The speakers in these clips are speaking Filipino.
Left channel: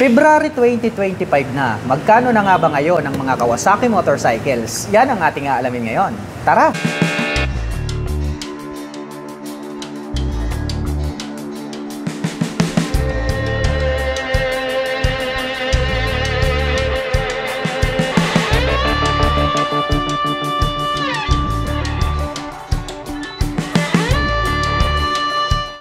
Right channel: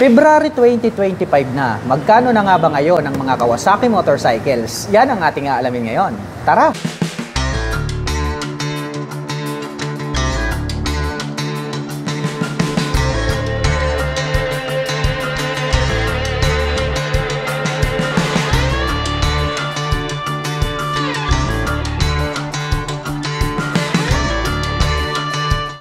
February 2025 na. Magkano na nga ba ngayon ang mga Kawasaki motorcycles? Yan ang ating aalamin ngayon. Tara!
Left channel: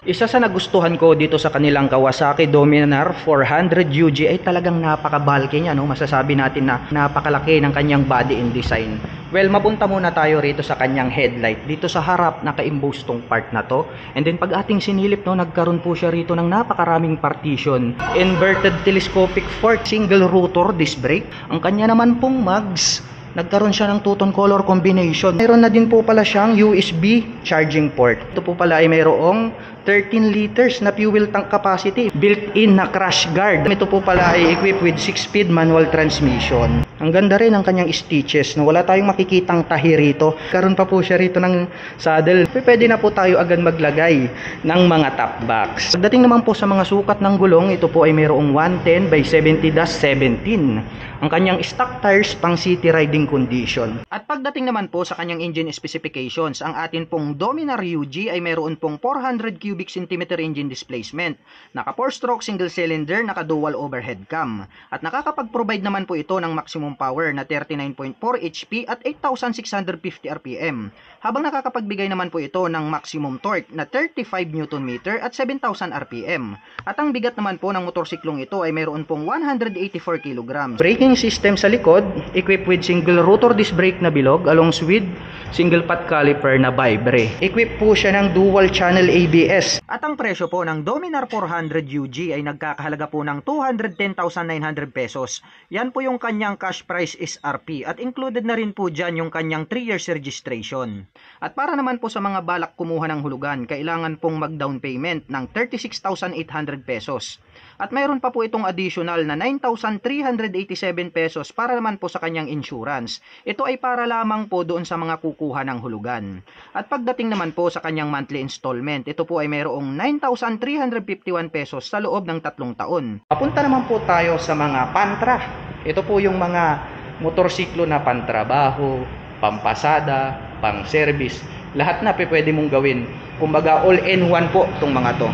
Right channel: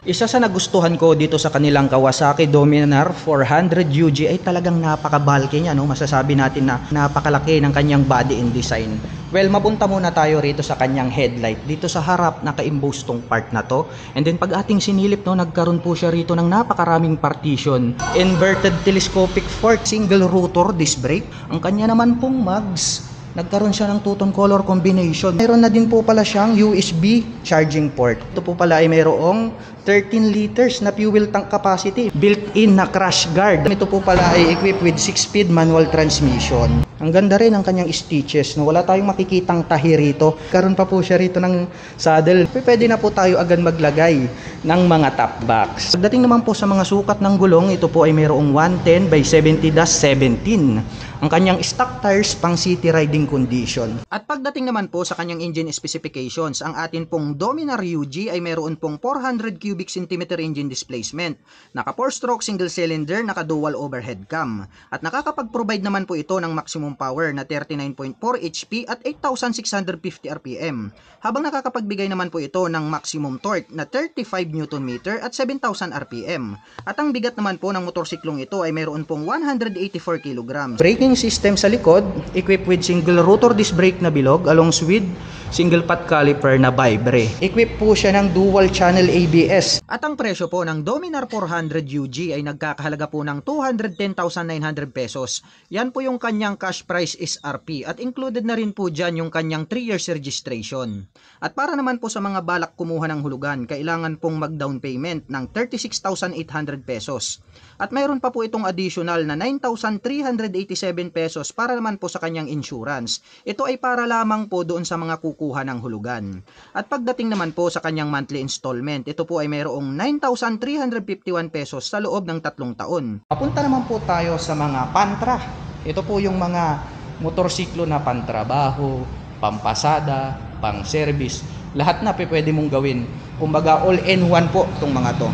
Isa sa nagustuhan ko dito sa kanilang Kawasaki Dominar 400 UG ay talagang napaka-bulky niya, no? Masasabi natin na napakalaki ng kanyang body and design. Well, mapunta muna tayo rito sa kanyang headlight. Dito sa harap, naka-imbose tong part na to. And then pag ating sinilip, no, nagkaroon po siya rito ng napakaraming partition. Inverted telescopic fork, single rotor disc brake. Ang kanya naman pong mags, nagkaroon siya ng two-tone color combination. Mayroon na din po pala siyang USB charging port. Ito po pala ay mayroong 13 liters na fuel tank capacity. Built-in na crash guard. Ito po pala ay equipped with 6-speed manual transmission. Ang ganda rin ng kanyang stitches. No? Wala tayong makikitang tahi rito. Karoon pa po siya rito ng saddle. Pwede na po tayo agad maglagay ng mga top box. Pagdating naman po sa mga sukat ng gulong, ito po ay mayroong 110 by 70-17. Ang kanyang stock tires pang city riding condition. At pagdating naman po sa kanyang engine specifications, ang atin pong Dominar UG ay mayroon pong 400 cubic centimeter engine displacement. Naka 4-stroke single cylinder, naka dual overhead cam. At nakakapag-provide naman po ito ng maximum power na 39.4 HP at 8,650 RPM. Habang nakakapagbigay naman po ito ng maximum torque na 35 Nm at 7,000 RPM. At ang bigat naman po ng motorsiklong ito ay mayroon pong 184 kg. Braking system sa likod, equipped with single rotor disc brake na bilog along with single pot caliper na Vibre. Equipped po siya ng dual channel ABS. At ang presyo po ng Dominar 400 UG ay nagkakahalaga po ng 210,900 pesos. Yan po yung kanyang cash price SRP at included na rin po dyan yung kanyang 3 years registration. At para naman po sa mga balak kumuha ng hulugan, kailangan pong mag-down payment ng 36,800 pesos. At mayroon pa po itong additional na 9,387 pesos para naman po sa kanyang insurance. Ito ay para lamang po doon sa mga kukuha ng hulugan. At pagdating naman po sa kanyang monthly installment, ito po ay mayroong 9,351 pesos sa loob ng 3 taon. Papunta naman po tayo sa mga pantra. Ito po yung mga motorsiklo na pantrabaho, pampasada, pang-service. Lahat na pwede mong gawin. Kumbaga all-in-one po itong mga to.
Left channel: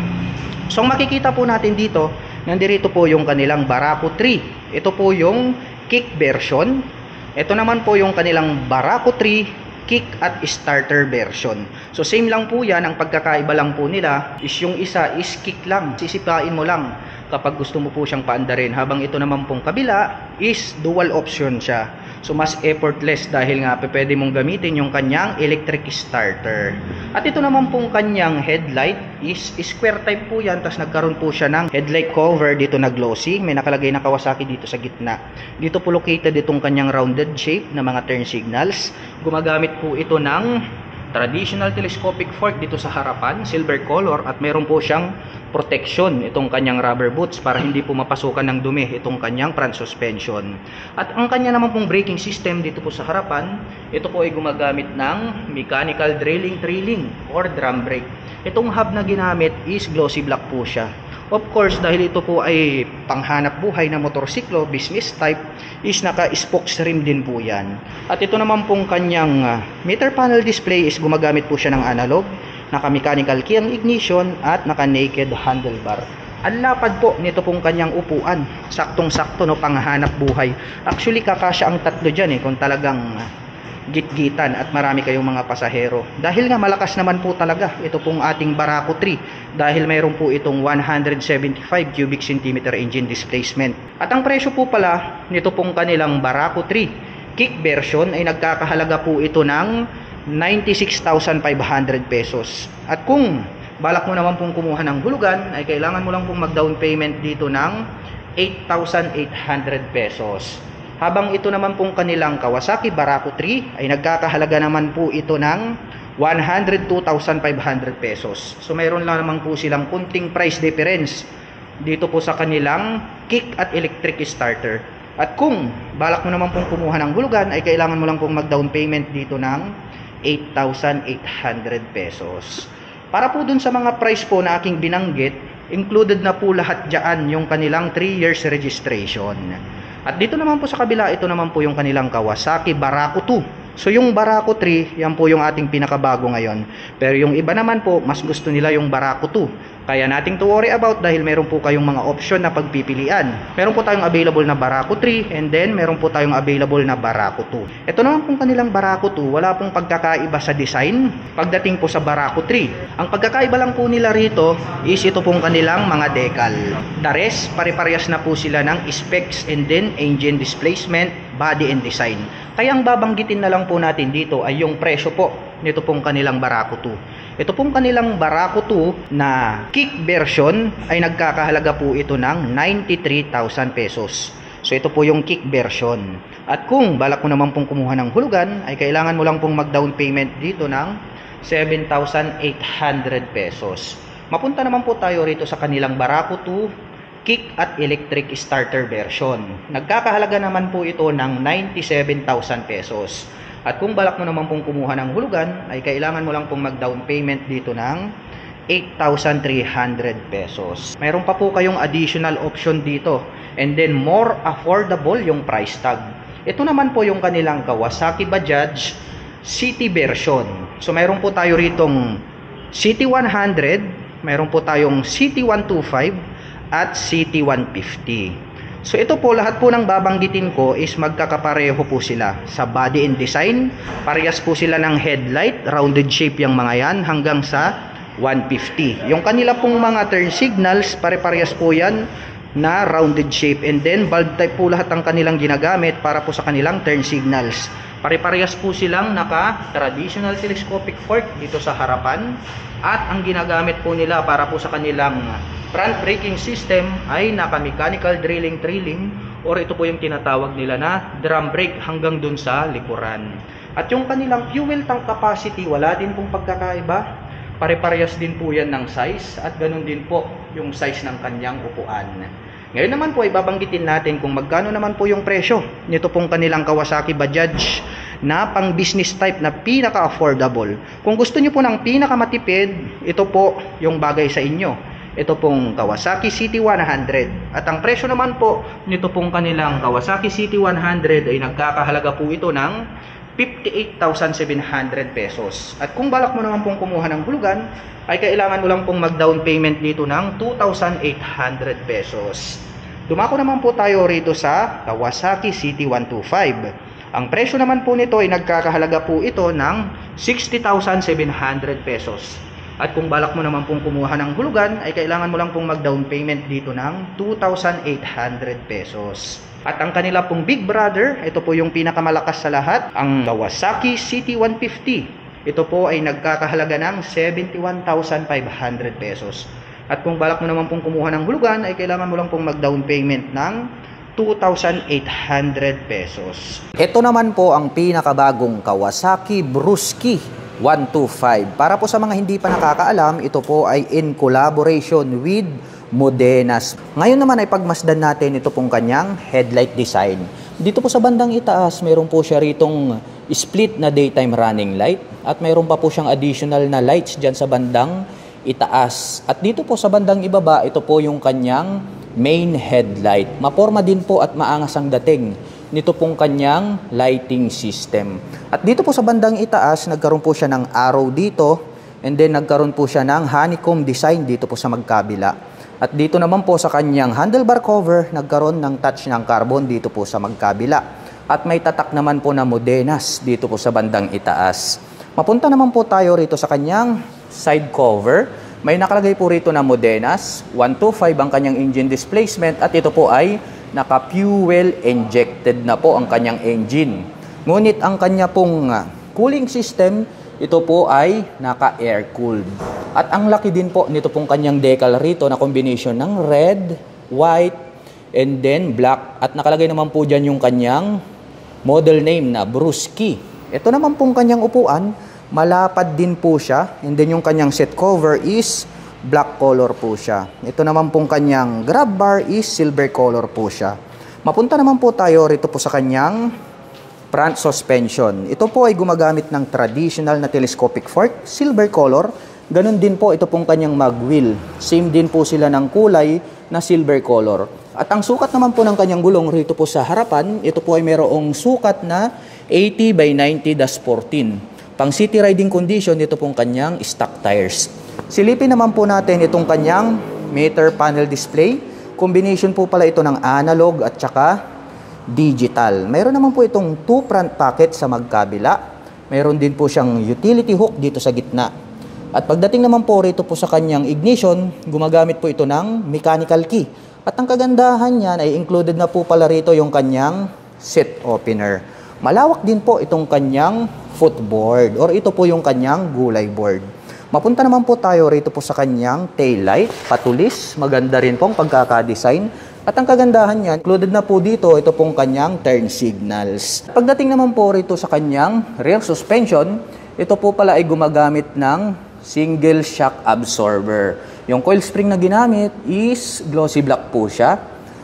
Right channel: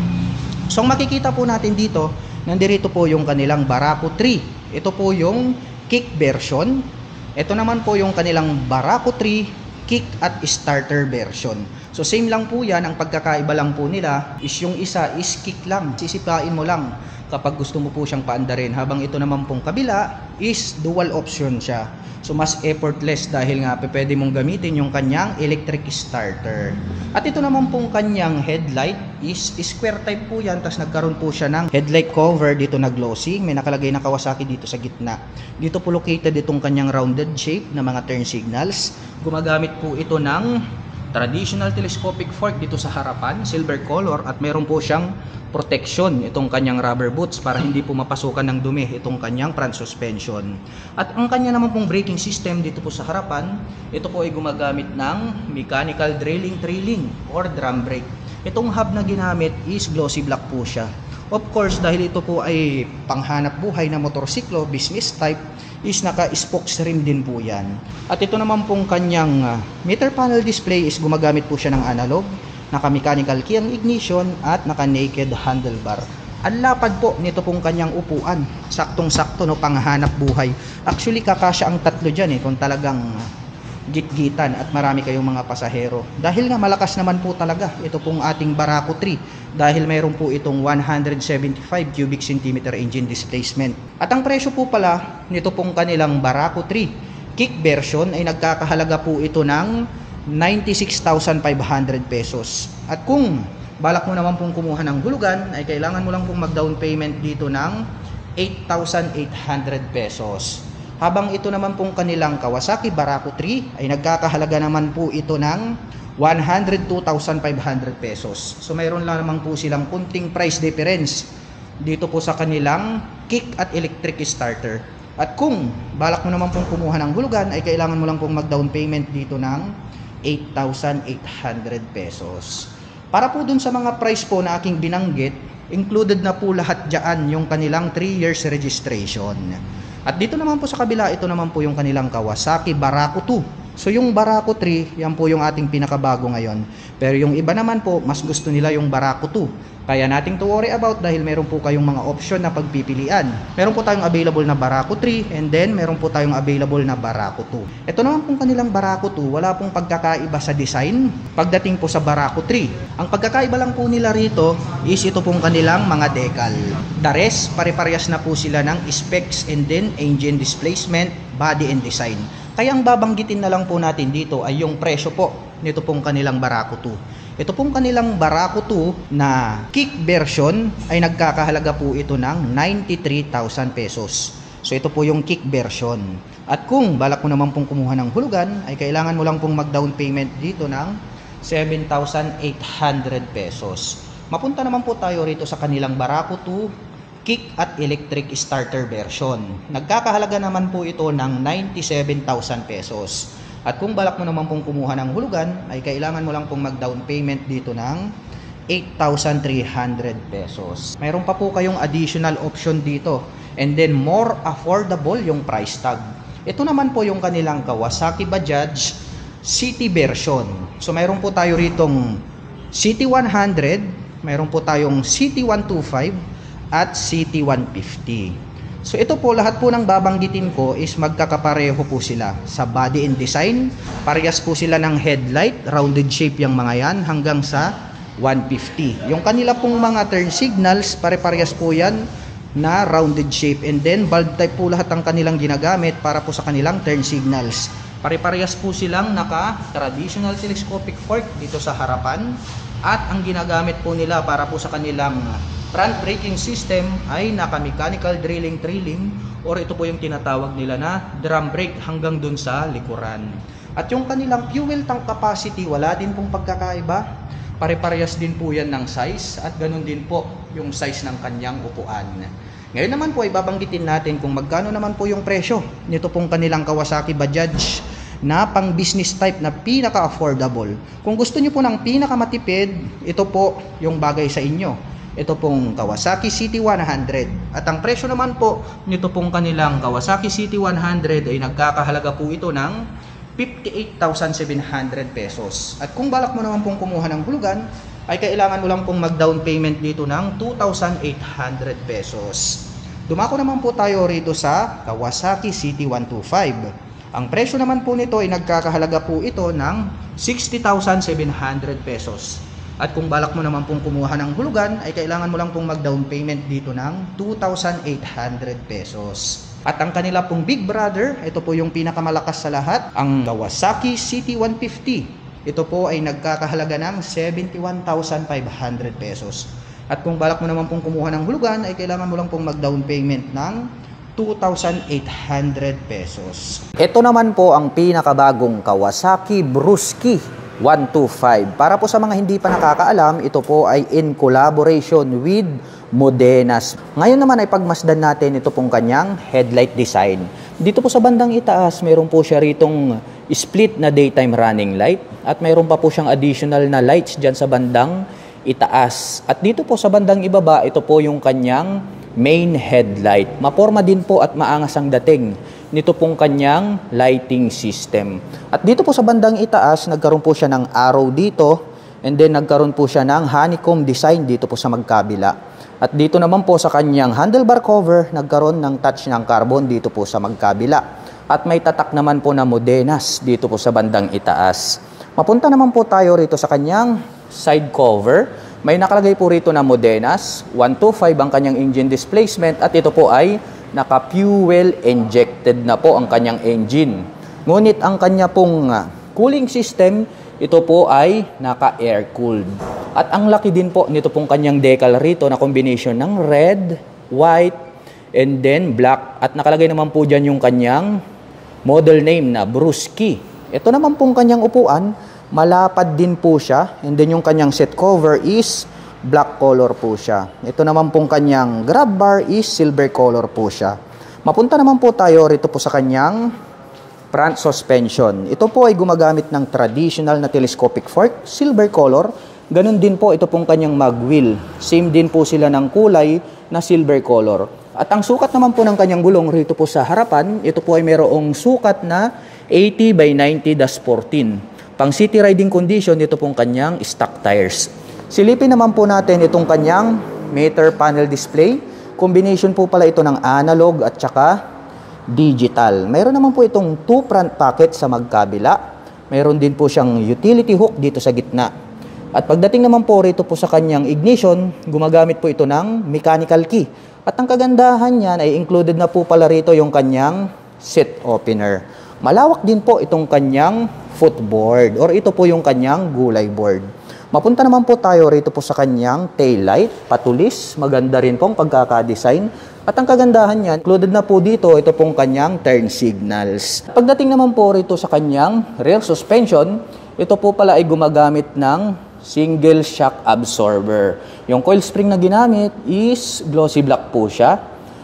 So makikita po natin dito, nandirito po yung kanilang Barako 3. Ito po yung kick version. Ito naman po yung kanilang Barako 3 kick at starter version. So same lang po yan. Ang pagkakaiba lang po nila is yung isa is kick lang. Sisipain mo lang kapag gusto mo po siyang paandarin. Habang ito naman pong kabila is dual option siya. So mas effortless dahil nga pwede mong gamitin yung kanyang electric starter. At ito naman pong kanyang headlight is square type po yan. Tapos nagkaroon po siya ng headlight cover dito na glossy. May nakalagay na Kawasaki dito sa gitna. Dito po located itong kanyang rounded shape na mga turn signals. Gumagamit po ito ng traditional telescopic fork dito sa harapan, silver color, at meron po siyang protection itong kanyang rubber boots para hindi po mapasukan ng dumi itong kanyang front suspension. At ang kanya naman pong braking system dito po sa harapan, ito po ay gumagamit ng mechanical trailing or drum brake. Itong hub na ginamit is glossy black po siya. Of course, dahil ito po ay panghanap buhay na motorsiklo, business type, is naka-spokes rim din po yan. At ito naman pong kanyang meter panel display is gumagamit po siya ng analog, naka-mechanical key ang ignition, at naka-naked handlebar. Ang lapad po nito pong kanyang upuan, saktong-sakto, no, panghanap buhay. Actually, kakasya ang tatlo dyan kung talagang gitgitan at marami kayong mga pasahero. Dahil nga malakas naman po talaga ito pong ating Barako 3 dahil mayroon po itong 175 cubic centimeter engine displacement. At ang presyo po pala nito pong kanilang Barako 3 kick version ay nagkakahalaga po ito ng 96,500 pesos. At kung balak mo naman pong kumuha ng hulugan ay kailangan mo lang pong mag-down payment dito ng 8,800 pesos. Habang ito naman pong kanilang Kawasaki Barako 3 ay nagkakahalaga naman po ito ng 102,500 pesos. So mayroon lang naman po silang kunting price difference dito po sa kanilang kick at electric starter. At kung balak mo naman pong kumuha ng hulugan ay kailangan mo lang pong mag-down payment dito ng 8,800 pesos. Para po dun sa mga price po na aking binanggit, included na po lahat dyan yung kanilang 3 years registration. At dito naman po sa kabila, ito naman po yung kanilang Kawasaki Barako 2. So yung Barako 3, yan po yung ating pinakabago ngayon. Pero yung iba naman po, mas gusto nila yung Barako 2. Kaya nating to worry about dahil meron po kayong mga option na pagpipilian. Meron po tayong available na Barako 3 and then meron po tayong available na Barako 2. Ito naman pong kanilang Barako 2, wala pong pagkakaiba sa design pagdating po sa Barako 3. Ang pagkakaiba lang po nila rito is ito pong kanilang mga decal. The rest, pare-parehas na po sila ng specs and then engine displacement, body and design. Kaya ang babanggitin na lang po natin dito ay yung presyo po nito pong kanilang Barako 2. Ito pong kanilang Barako 2 na kick version ay nagkakahalaga po ito ng 93,000 pesos. So ito po yung kick version. At kung balak mo naman pong kumuha ng hulugan, ay kailangan mo lang pong mag-down payment dito ng 7,800 pesos. Mapunta naman po tayo rito sa kanilang Barako 2 kick at electric starter version. Nagkakahalaga naman po ito ng 97,000 pesos. At kung balak mo naman pong kumuha ng hulugan, ay kailangan mo lang pong mag-down payment dito ng 8,300 pesos. Mayroon pa po kayong additional option dito. And then more affordable yung price tag. Ito naman po yung kanilang Kawasaki Bajaj City version. So mayroon po tayo ritong City 100, mayroon po tayong City 125, at City 150. So ito po, lahat po ng babanggitin ko is magkakapareho po sila sa body and design. Parehas po sila ng headlight, rounded shape yung mga yan hanggang sa 150. Yung kanila pong mga turn signals, pare-parehas po yan na rounded shape, and then bulb type po lahat ang kanilang ginagamit para po sa kanilang turn signals. Pare-parehas po silang naka traditional telescopic fork dito sa harapan, at ang ginagamit po nila para po sa kanilang front braking system ay naka mechanical drilling or ito po yung tinatawag nila na drum brake hanggang dun sa likuran. At yung kanilang fuel tank capacity, wala din pong pagkakaiba. Pare-parehas din po yan ng size at ganun din po yung size ng kanyang upuan. Ngayon naman po ay babanggitin natin kung magkano naman po yung presyo nito pong kanilang Kawasaki Bajaj na pang business type na pinaka-affordable. Kung gusto nyo po ng pinaka-matipid, ito po yung bagay sa inyo. Ito pong Kawasaki City 100. At ang presyo naman po nito pong kanilang Kawasaki City 100 ay nagkakahalaga po ito ng 58,700 pesos. At kung balak mo naman pong kumuha ng hulugan, ay kailangan mo lang pong mag-down payment dito ng 2,800 pesos. Dumako naman po tayo rito sa Kawasaki City 125. Ang presyo naman po nito ay nagkakahalaga po ito ng 60,700 pesos. At kung balak mo naman pong kumuha ng hulugan, ay kailangan mo lang pong mag-down payment dito ng 2,800 pesos. At ang kanila pong big brother, ito po yung pinakamalakas sa lahat, ang Kawasaki City 150. Ito po ay nagkakahalaga ng 71,500 pesos. At kung balak mo naman pong kumuha ng hulugan, ay kailangan mo lang pong mag-down payment ng 2,800 pesos. Ito naman po ang pinakabagong Kawasaki Brusky 125. Para po sa mga hindi pa nakakaalam, ito po ay in collaboration with Modenas. Ngayon naman ay pagmasdan natin ito pong kanyang headlight design. Dito po sa bandang itaas, mayroon po siya ritong split na daytime running light at mayroon pa po siyang additional na lights dyan sa bandang itaas. At dito po sa bandang ibaba, ito po yung kanyang main headlight. Maporma din po at maangas ang dating nito pong kanyang lighting system. At dito po sa bandang itaas, nagkaroon po siya ng arrow dito, and then nagkaroon po siya ng honeycomb design dito po sa magkabila. At dito naman po sa kanyang handlebar cover, nagkaroon ng touch ng carbon dito po sa magkabila. At may tatak naman po na Modenas dito po sa bandang itaas. Mapunta naman po tayo rito sa kanyang side cover. May nakalagay po rito na Modenas, 125 ang kanyang engine displacement, at ito po ay naka-fuel injected na po ang kanyang engine. Ngunit ang kanya pong cooling system, ito po ay naka-air cooled. At ang laki din po nito pong kanyang decal rito na combination ng red, white, and then black. At nakalagay naman po dyan yung kanyang model name na Brusky. Ito naman pong kanyang upuan, malapad din po siya. And then yung kanyang seat cover is black color po siya. Ito naman pong kanyang grab bar is silver color po siya. Mapunta naman po tayo rito po sa kanyang front suspension. Ito po ay gumagamit ng traditional na telescopic fork, silver color, Ganon din po ito pong kanyang mag wheel. Same din po sila ng kulay na silver color. At ang sukat naman po ng kanyang gulong rito po sa harapan, ito po ay mayroong sukat na 80 by 90-14. Pang city riding condition, ito pong kanyang stock tires. Silipin naman po natin itong kanyang meter panel display. Combination po pala ito ng analog at saka digital. Mayroon naman po itong 2 front pocket sa magkabila. Mayroon din po siyang utility hook dito sa gitna. At pagdating naman po rito po sa kanyang ignition, gumagamit po ito ng mechanical key. At ang kagandahan niyan ay included na po pala rito yung kanyang seat opener. Malawak din po itong kanyang footboard or ito po yung kanyang gulay board. Mapunta naman po tayo rito po sa kanyang taillight, patulis, maganda rin pong pagkakadesign. At ang kagandahan niyan, included na po dito ito pong kanyang turn signals. Pagdating naman po rito sa kanyang rear suspension, ito po pala ay gumagamit ng single shock absorber. Yung coil spring na ginamit is glossy black po siya.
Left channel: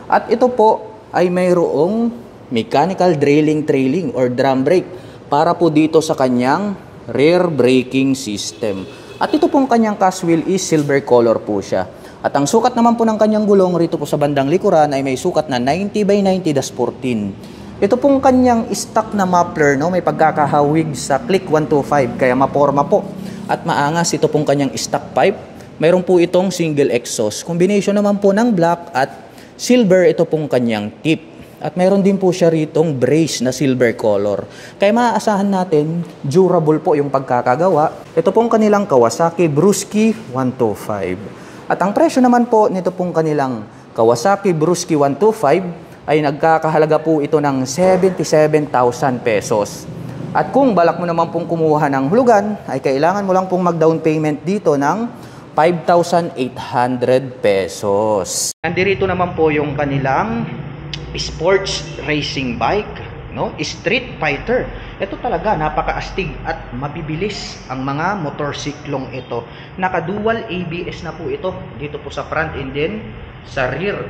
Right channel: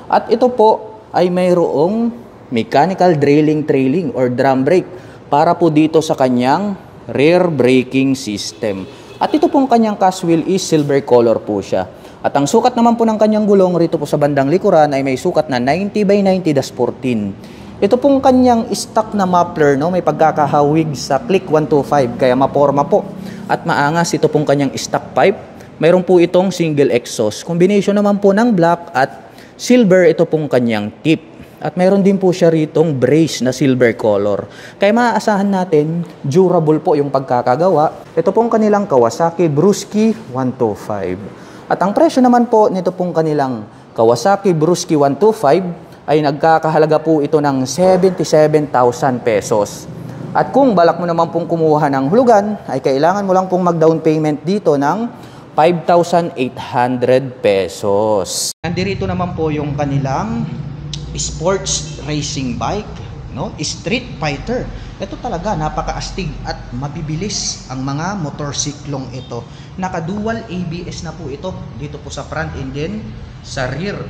At ito po ay mayroong mechanical trailing or drum brake para po dito sa kanyang rear braking system. At ito pong kanyang cast wheel is silver color po siya. At ang sukat naman po ng kanyang gulong rito po sa bandang likuran ay may sukat na 90 by 90-14. Ito pong kanyang stock na muffler, no, may pagkakahawig sa click 125 kaya maporma po. At maangas ito pong kanyang stock pipe. Mayroon po itong single exhaust. Combination naman po ng black at silver ito pong kanyang tip. At mayroon din po siya ritong brace na silver color. Kaya maaasahan natin, durable po yung pagkakagawa. Ito pong kanilang Kawasaki Brusky 125. At ang presyo naman po nito pong kanilang Kawasaki Brusky 125 ay nagkakahalaga po ito ng 77,000 pesos. At kung balak mo naman pong kumuha ng hulugan, ay kailangan mo lang pong mag-down payment dito ng 5,800 pesos. Nandito naman po yung kanilang sports racing bike, no? Street fighter. Ito talaga napakaastig at mabibilis ang mga motorsiklong ito. Naka-dual ABS na po ito dito po sa front and then sa rear.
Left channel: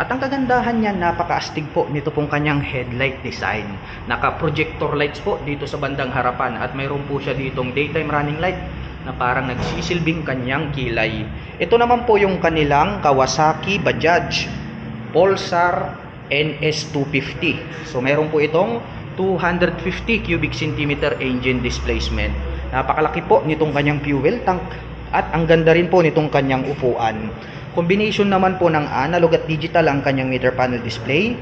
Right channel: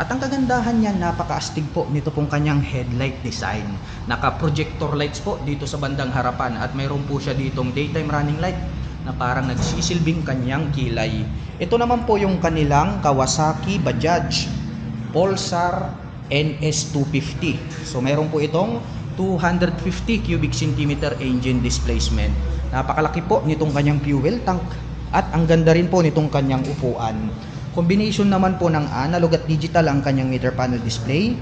At ang kagandahan niya, napakaastig po nito pong kanyang headlight design. Naka-projector lights po dito sa bandang harapan at mayroon po siya ditong daytime running light na parang nagsisilbing kanyang kilay. Ito naman po yung kanilang Kawasaki Bajaj Pulsar NS250. So mayroon po itong 250 cubic centimeter engine displacement. Napakalaki po nitong kanyang fuel tank at ang ganda rin po nitong kanyang upuan. Combination naman po ng analog at digital ang kanyang meter panel display.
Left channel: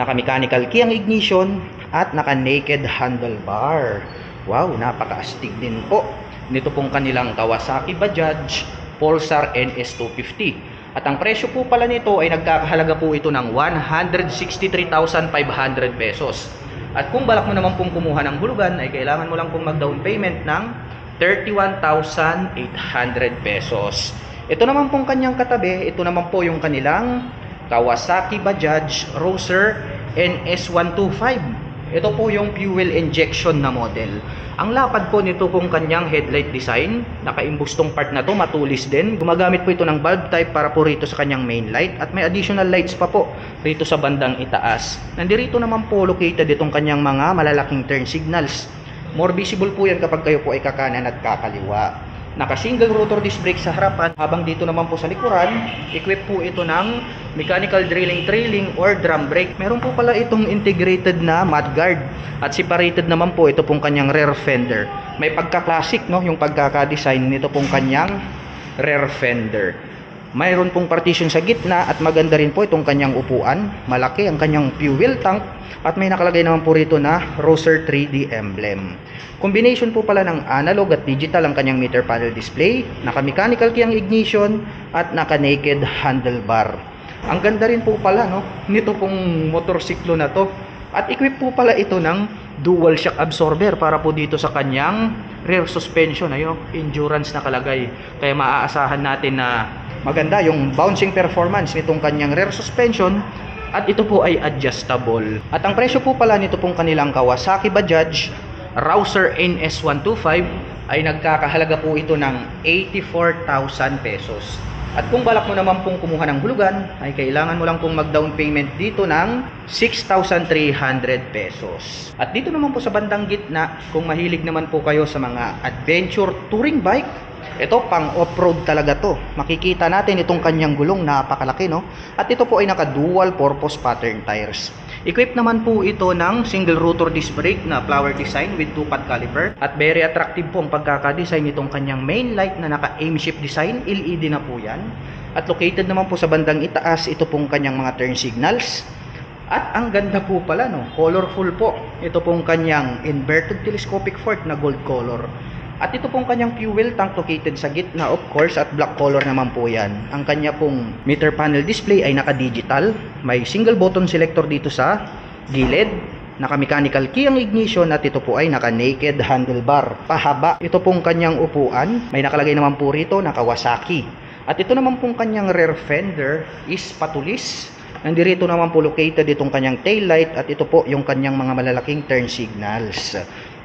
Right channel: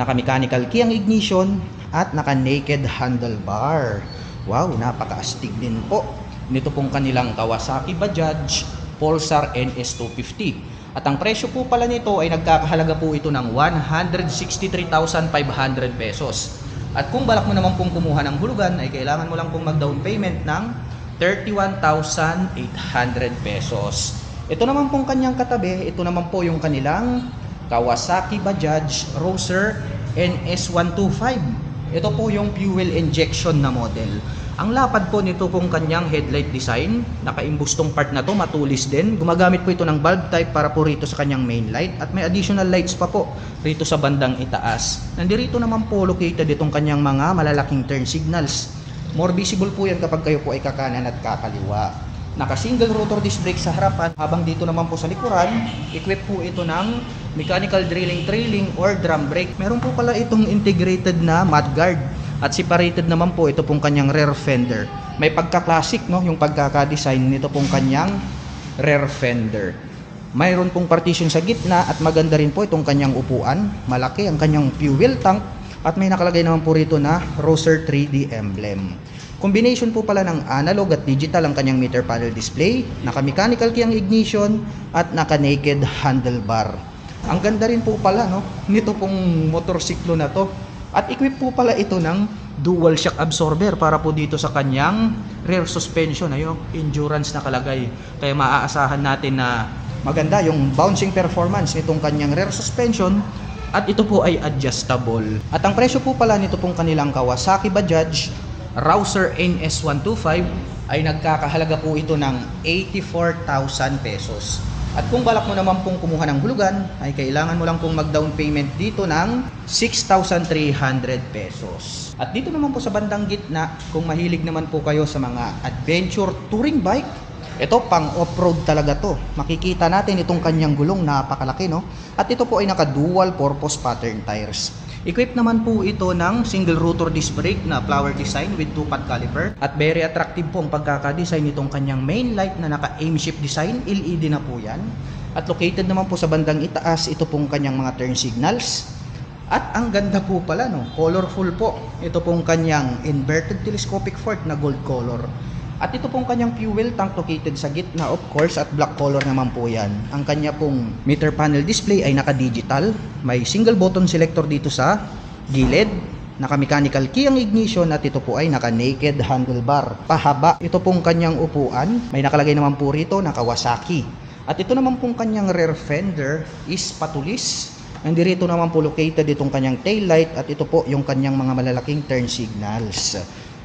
Naka-mechanical key ang ignition at naka-naked handlebar. Wow, napakaastig din po nito pong kanilang Kawasaki Bajaj Pulsar NS250. At ang presyo po pala nito ay nagkakahalaga po ito ng 163,500 pesos. At kung balak mo naman pong kumuha ng hulugan ay kailangan mo lang pong mag-down payment ng 31,800 pesos. Ito naman pong kanyang katabi, ito naman po yung kanilang Kawasaki Bajaj Roser NS125. Ito po yung fuel injection na model. Ang lapad po nito pong kanyang headlight design, nakaimbustong part na to, matulis din. Gumagamit po ito ng bulb type para po rito sa kanyang main light at may additional lights pa po rito sa bandang itaas. Nandito naman po located itong kanyang mga malalaking turn signals. More visible po yan kapag kayo po ay kakanan at kakaliwa. Naka-single rotor disc brake sa harapan, habang dito naman po sa likuran, equip po ito ng mechanical trailing or drum brake. Meron po pala itong integrated na mudguard at separated naman po ito pong kanyang rear fender. May pagka-classic, no, yung pagkaka-design nito pong kanyang rear fender. Mayroon pong partition sa gitna at maganda rin po itong kanyang upuan. Malaki ang kanyang fuel tank at may nakalagay naman po rito na Roser 3D emblem. Combination po pala ng analog at digital ang kanyang meter panel display, naka-mechanical key ang ignition at naka-naked handlebar. Ang ganda rin po pala, no, nito pong motorsiklo na to. At equip po pala ito ng dual shock absorber para po dito sa kanyang rear suspension. Ayun, endurance nakalagay. Kaya maaasahan natin na maganda yung bouncing performance nitong kanyang rear suspension. At ito po ay adjustable. At ang presyo po pala nito pong kanilang Kawasaki Bajaj Rouser NS125 ay nagkakahalaga po ito ng 84,000 pesos. At kung balak mo naman pong kumuha ng hulugan, ay kailangan mo lang pong mag-down payment dito ng 6,300 pesos. At dito naman po sa bandang gitna, kung mahilig naman po kayo sa mga adventure touring bike, Ito pang off-road talaga to. Makikita natin itong kanyang gulong, napakalaki no. At ito po ay naka dual purpose pattern tires. Equipped naman po ito ng single rotor disc brake na flower design with 2-pot caliper. At very attractive po ang pagkaka-design nitong kanyang main light na naka aim shift design, LED na po yan. At located naman po sa bandang itaas ito pong kanyang mga turn signals. At ang ganda po pala no, colorful po. Ito pong kanyang inverted telescopic fork na gold color. At ito pong kanyang fuel tank located sa gitna of course, at black color naman po yan. Ang kanya pong meter panel display ay naka-digital. May single button selector dito sa gilid. Naka-mechanical key ang ignition at ito po ay naka-naked handlebar. Pahaba. Ito pong kanyang upuan. May nakalagay naman po rito na Kawasaki. At ito naman pong kanyang rear fender is patulis. Nandito naman po located itong kanyang tail light at ito po yung kanyang mga malalaking turn signals.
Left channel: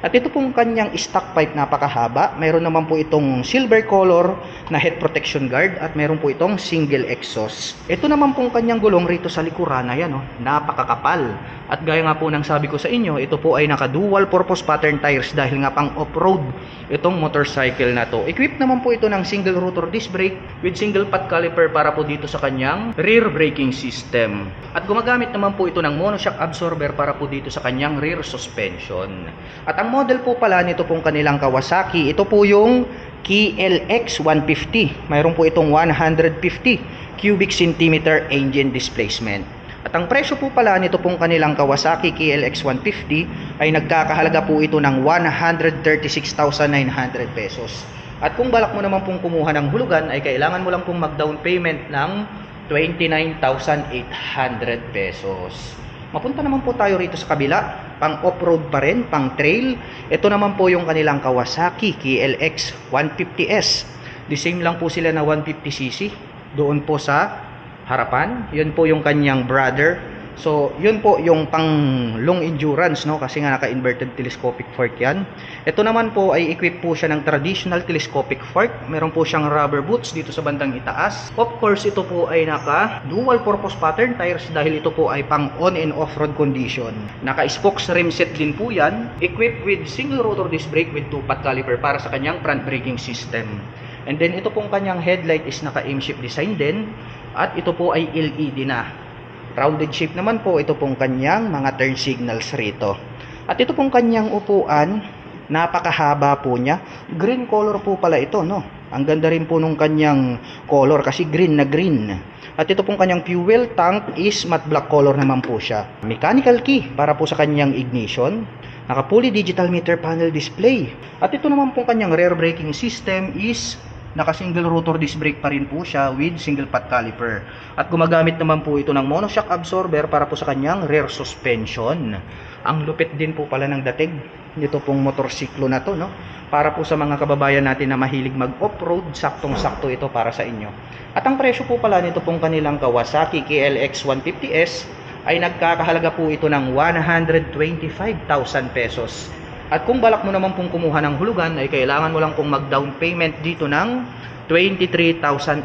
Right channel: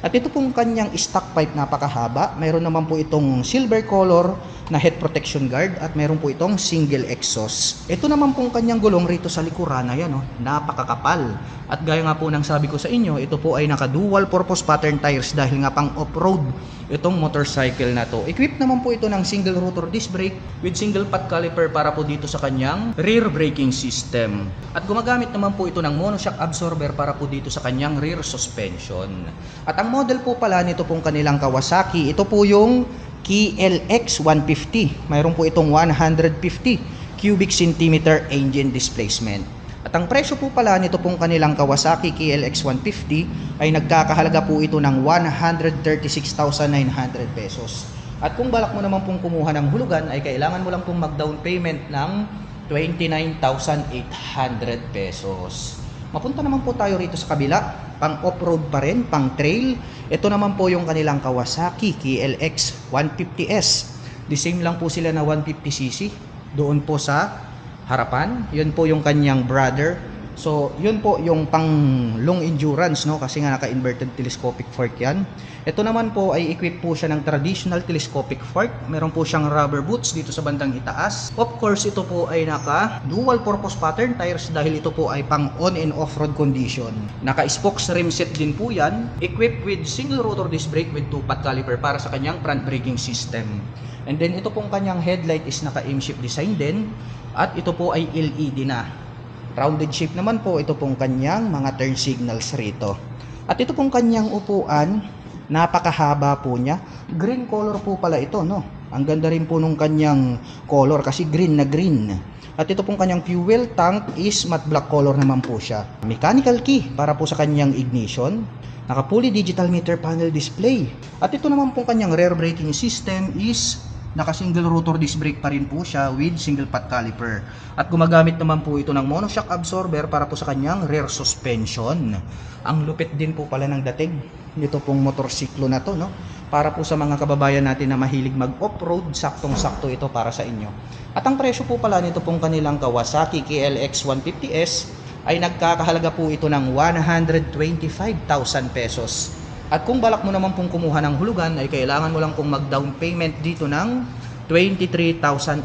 At ito pong kanyang stock pipe napakahaba. Mayroon naman po itong silver color na head protection guard at mayroon po itong single exhaust. Ito naman pong kanyang gulong rito sa likuran, ayan oh, napakakapal. At gaya nga po ng sabi ko sa inyo, ito po ay naka dual purpose pattern tires dahil nga pang off-road itong motorcycle na to. Equipped naman po ito ng single rotor disc brake with single pot caliper para po dito sa kanyang rear braking system. At gumagamit naman po ito ng monoshock absorber para po dito sa kanyang rear suspension. At ang model po pala nito pong kanilang Kawasaki, ito po yung KLX 150. Mayroon po itong 150 cubic centimeter engine displacement. At ang presyo po pala nito pong kanilang Kawasaki KLX 150 ay nagkakahalaga po ito ng 136,900 pesos. At kung balak mo naman pong kumuha ng hulugan ay kailangan mo lang pong mag-down payment ng 29,800 pesos. Mapunta naman po tayo rito sa kabila, pang off-road pa rin, pang trail. Ito naman po yung kanilang Kawasaki KLX 150S. The same lang po sila na 150cc. Doon po sa harapan, yun po yung kanyang brother. So, yun po yung pang long endurance, no? Kasi nga naka-inverted telescopic fork yan. Ito naman po ay equipped po siya ng traditional telescopic fork. Meron po siyang rubber boots dito sa bandang itaas. Of course, ito po ay naka dual purpose pattern tires dahil ito po ay pang on and off-road condition. Naka-spokes rim set din po yan. Equipped with single rotor disc brake with 2-pot caliper para sa kanyang front braking system. And then ito pong kanyang headlight is naka-aim shift design din. At ito po ay LED na. Rounded shape naman po ito pong kanyang mga turn signals rito. At ito pong kanyang upuan, napakahaba po niya. Green color po pala ito, no? Ang ganda rin po nung kanyang color kasi green na green. At ito pong kanyang fuel tank is matte black color naman po siya. Mechanical key para po sa kanyang ignition. Naka fully digital meter panel display. At ito naman pong kanyang rear braking system is naka single rotor disc brake pa rin po siya with single pot caliper. At gumagamit naman po ito ng monoshock absorber para po sa kanyang rear suspension. Ang lupit din po pala ng dating nito pong motorsiklo na to, no? Para po sa mga kababayan natin na mahilig mag off-road, saktong-sakto ito para sa inyo. At ang presyo po pala nito pong kanilang Kawasaki KLX 150S ay nagkakahalaga po ito ng 125,000 pesos. At kung balak mo naman pong kumuha ng hulugan ay kailangan mo lang pong mag-down payment dito ng 23,800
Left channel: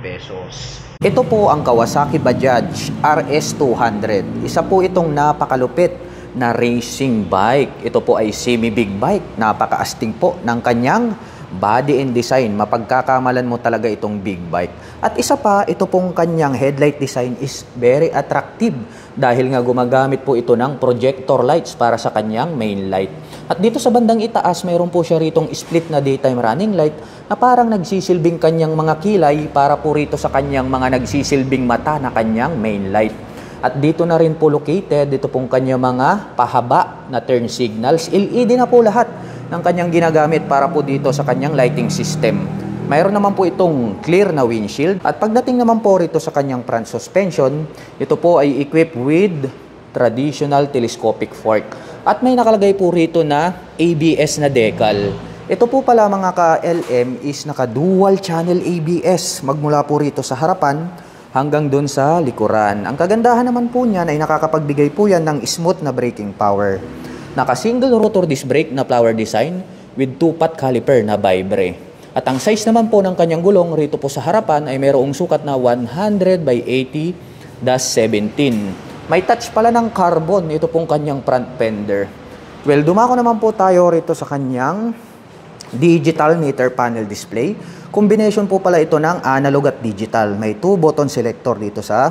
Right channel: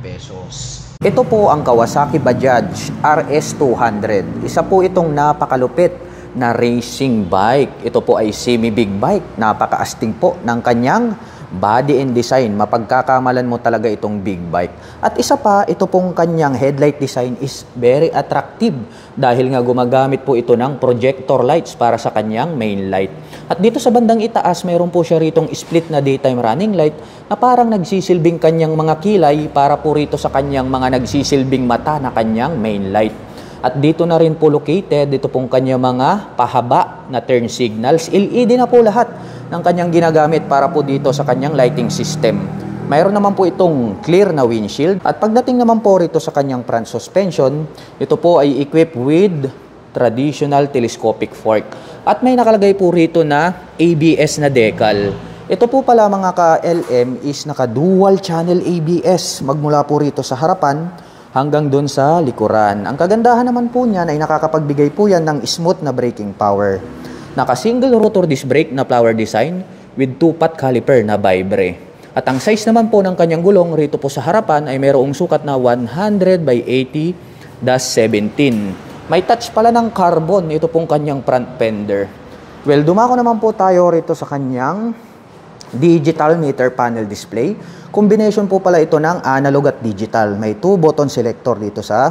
pesos. Ito po ang Kawasaki Bajaj RS200. Isa po itong napakalupit na racing bike. Ito po ay semi-big bike. Napakaastig po ng kanyang body and design. Mapagkakamalan mo talaga itong big bike. At isa pa, ito pong kanyang headlight design is very attractive dahil nga gumagamit po ito ng projector lights para sa kanyang main light. At dito sa bandang itaas, mayroon po siya ritong split na daytime running light na parang nagsisilbing kanyang mga kilay para po rito sa kanyang mga nagsisilbing mata na kanyang main light. At dito na rin po located, dito pong kanyang mga pahaba na turn signals. LED na po lahat ng kanyang ginagamit para po dito sa kanyang lighting system. Mayroon naman po itong clear na windshield. At pagdating naman po rito sa kanyang front suspension, ito po ay equipped with traditional telescopic fork. At may nakalagay po rito na ABS na decal. Ito po pala mga ka-LM is naka dual channel ABS. Magmula po rito sa harapan hanggang doon sa likuran. Ang kagandahan naman po niyan ay nakakapagbigay po yan ng smooth na braking power. Naka single rotor disc brake na flower design with 2-pot caliper na vibre. At ang size naman po ng kanyang gulong rito po sa harapan ay mayroong sukat na 100 by 80-17. May touch pala ng carbon ito pong kanyang front fender. Well, dumako naman po tayo rito sa kanyang digital meter panel display. Combination po pala ito ng analog at digital. May 2 button selector dito sa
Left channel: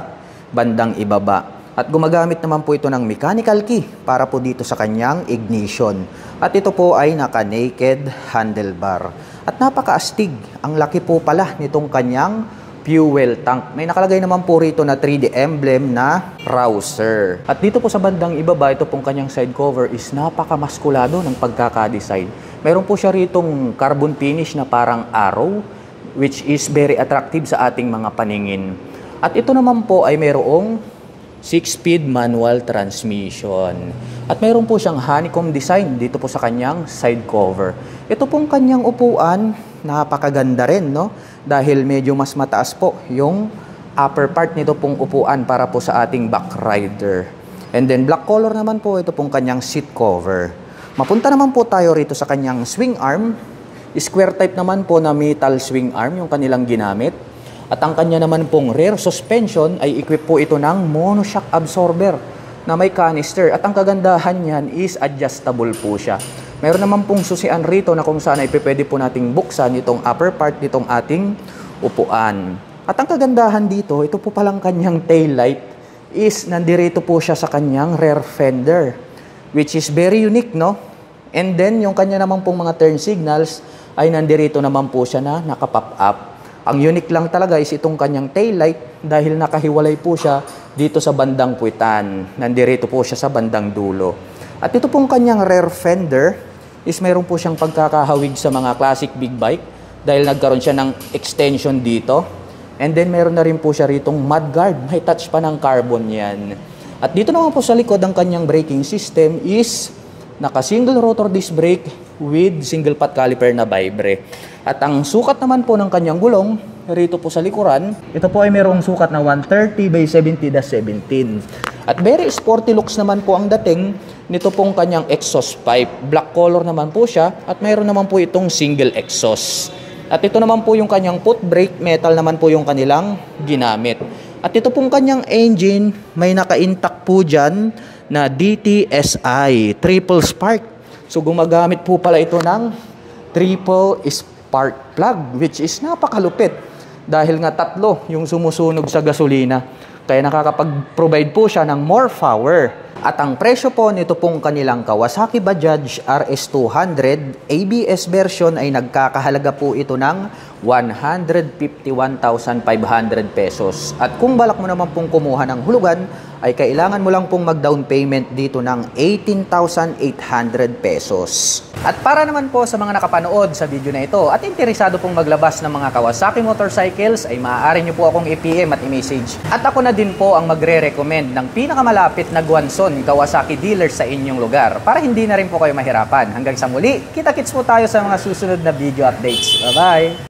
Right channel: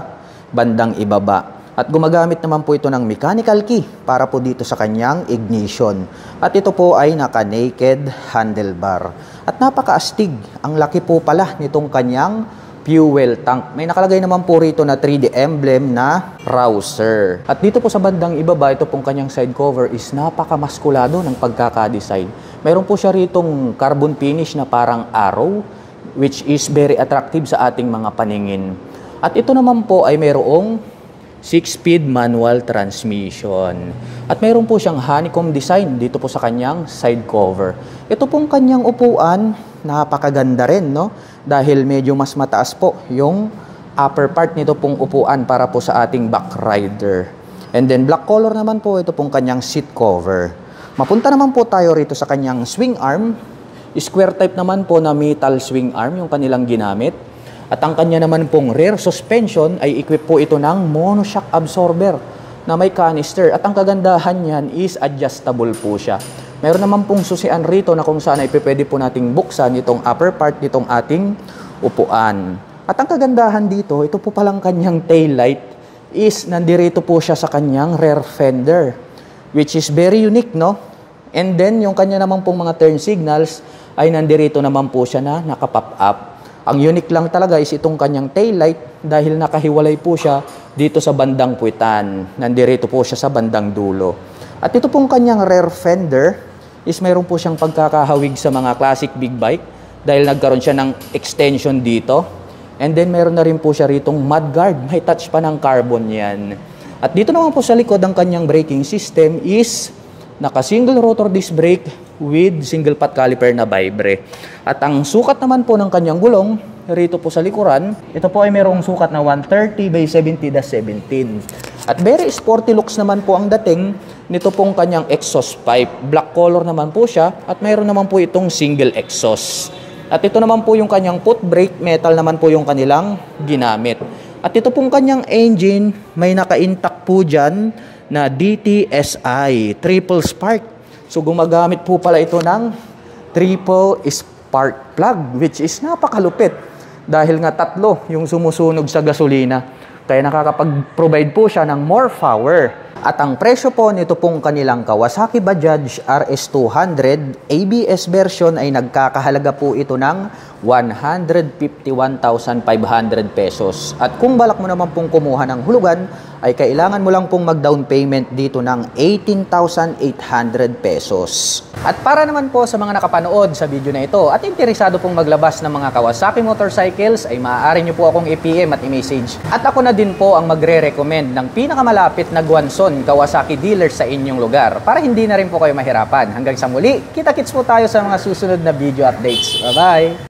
bandang ibaba. At gumagamit naman po ito ng mechanical key para po dito sa kanyang ignition. At ito po ay naka-naked handlebar. At napaka-astig. Ang laki po pala nitong kanyang fuel tank. May nakalagay naman po rito na 3D emblem na Rouser. At dito po sa bandang ibaba, ito pong kanyang side cover is napaka-maskulado ng pagkaka-design. Meron po siya ritong carbon finish na parang arrow, which is very attractive sa ating mga paningin. At ito naman po ay mayroong 6-speed manual transmission. At mayroon po siyang honeycomb design dito po sa kanyang side cover. Ito pong kanyang upuan, napakaganda rin, no? Dahil medyo mas mataas po yung upper part nito pong upuan para po sa ating back rider. And then black color naman po ito pong kanyang seat cover. Mapunta naman po tayo rito sa kanyang swing arm. Square type naman po na metal swing arm yung kanilang ginamit. At ang kanya naman pong rear suspension ay equip po ito ng monoshock absorber na may canister. At ang kagandahan niyan is adjustable po siya. Meron naman pong susian rito na kung saan ay pwede po nating buksan itong upper part nitong ating upuan. At ang kagandahan dito, ito po palang kanyang tail light is nandirito po siya sa kanyang rear fender, which is very unique, no? And then yung kanya naman pong mga turn signals ay nandirito naman po siya na nakapop up. Ang unique lang talaga is itong kanyang tail light dahil nakahiwalay po siya dito sa bandang puwitan. Nandirito po siya sa bandang dulo. At ito pong kanyang rear fender is mayroon po siyang pagkakahawig sa mga classic big bike dahil nagkaroon siya ng extension dito. And then meron na rin po siya ritong mudguard. May touch pa ng carbon yan. At dito naman po sa likod ang kanyang braking system is naka-single rotor disc brake with single pot caliper na vibre. At ang sukat naman po ng kanyang gulong, rito po sa likuran, ito po ay mayroong sukat na 130 by 70-17. At very sporty looks naman po ang dating nito pong kanyang exhaust pipe. Black color naman po siya at mayroon naman po itong single exhaust. At ito naman po yung kanyang foot brake, metal naman po yung kanilang ginamit. At ito pong kanyang engine, may naka-intact po dyan na DTSI, triple spark. So gumagamit po pala ito ng triple spark plug, which is napakalupit. Dahil nga tatlo yung sumusunog sa gasolina. Kaya nakakapag-provide po siya ng more power. At ang presyo po nito pong kanilang Kawasaki Bajaj RS200 ABS version ay nagkakahalaga po ito ng 151,500 pesos. At kung balak mo naman pong kumuha ng hulugan, ay kailangan mo lang pong mag-down payment dito ng 18,800 pesos. At para naman po sa mga nakapanood sa video na ito at interesado pong maglabas ng mga Kawasaki motorcycles, ay maaari nyo po akong i-PM at i-message. At ako na din po ang magre-recommend ng pinakamalapit na Guanzon Kawasaki dealer sa inyong lugar para hindi na rin po kayo mahirapan. Hanggang sa muli, kita-kits po tayo sa mga susunod na video updates. Bye-bye!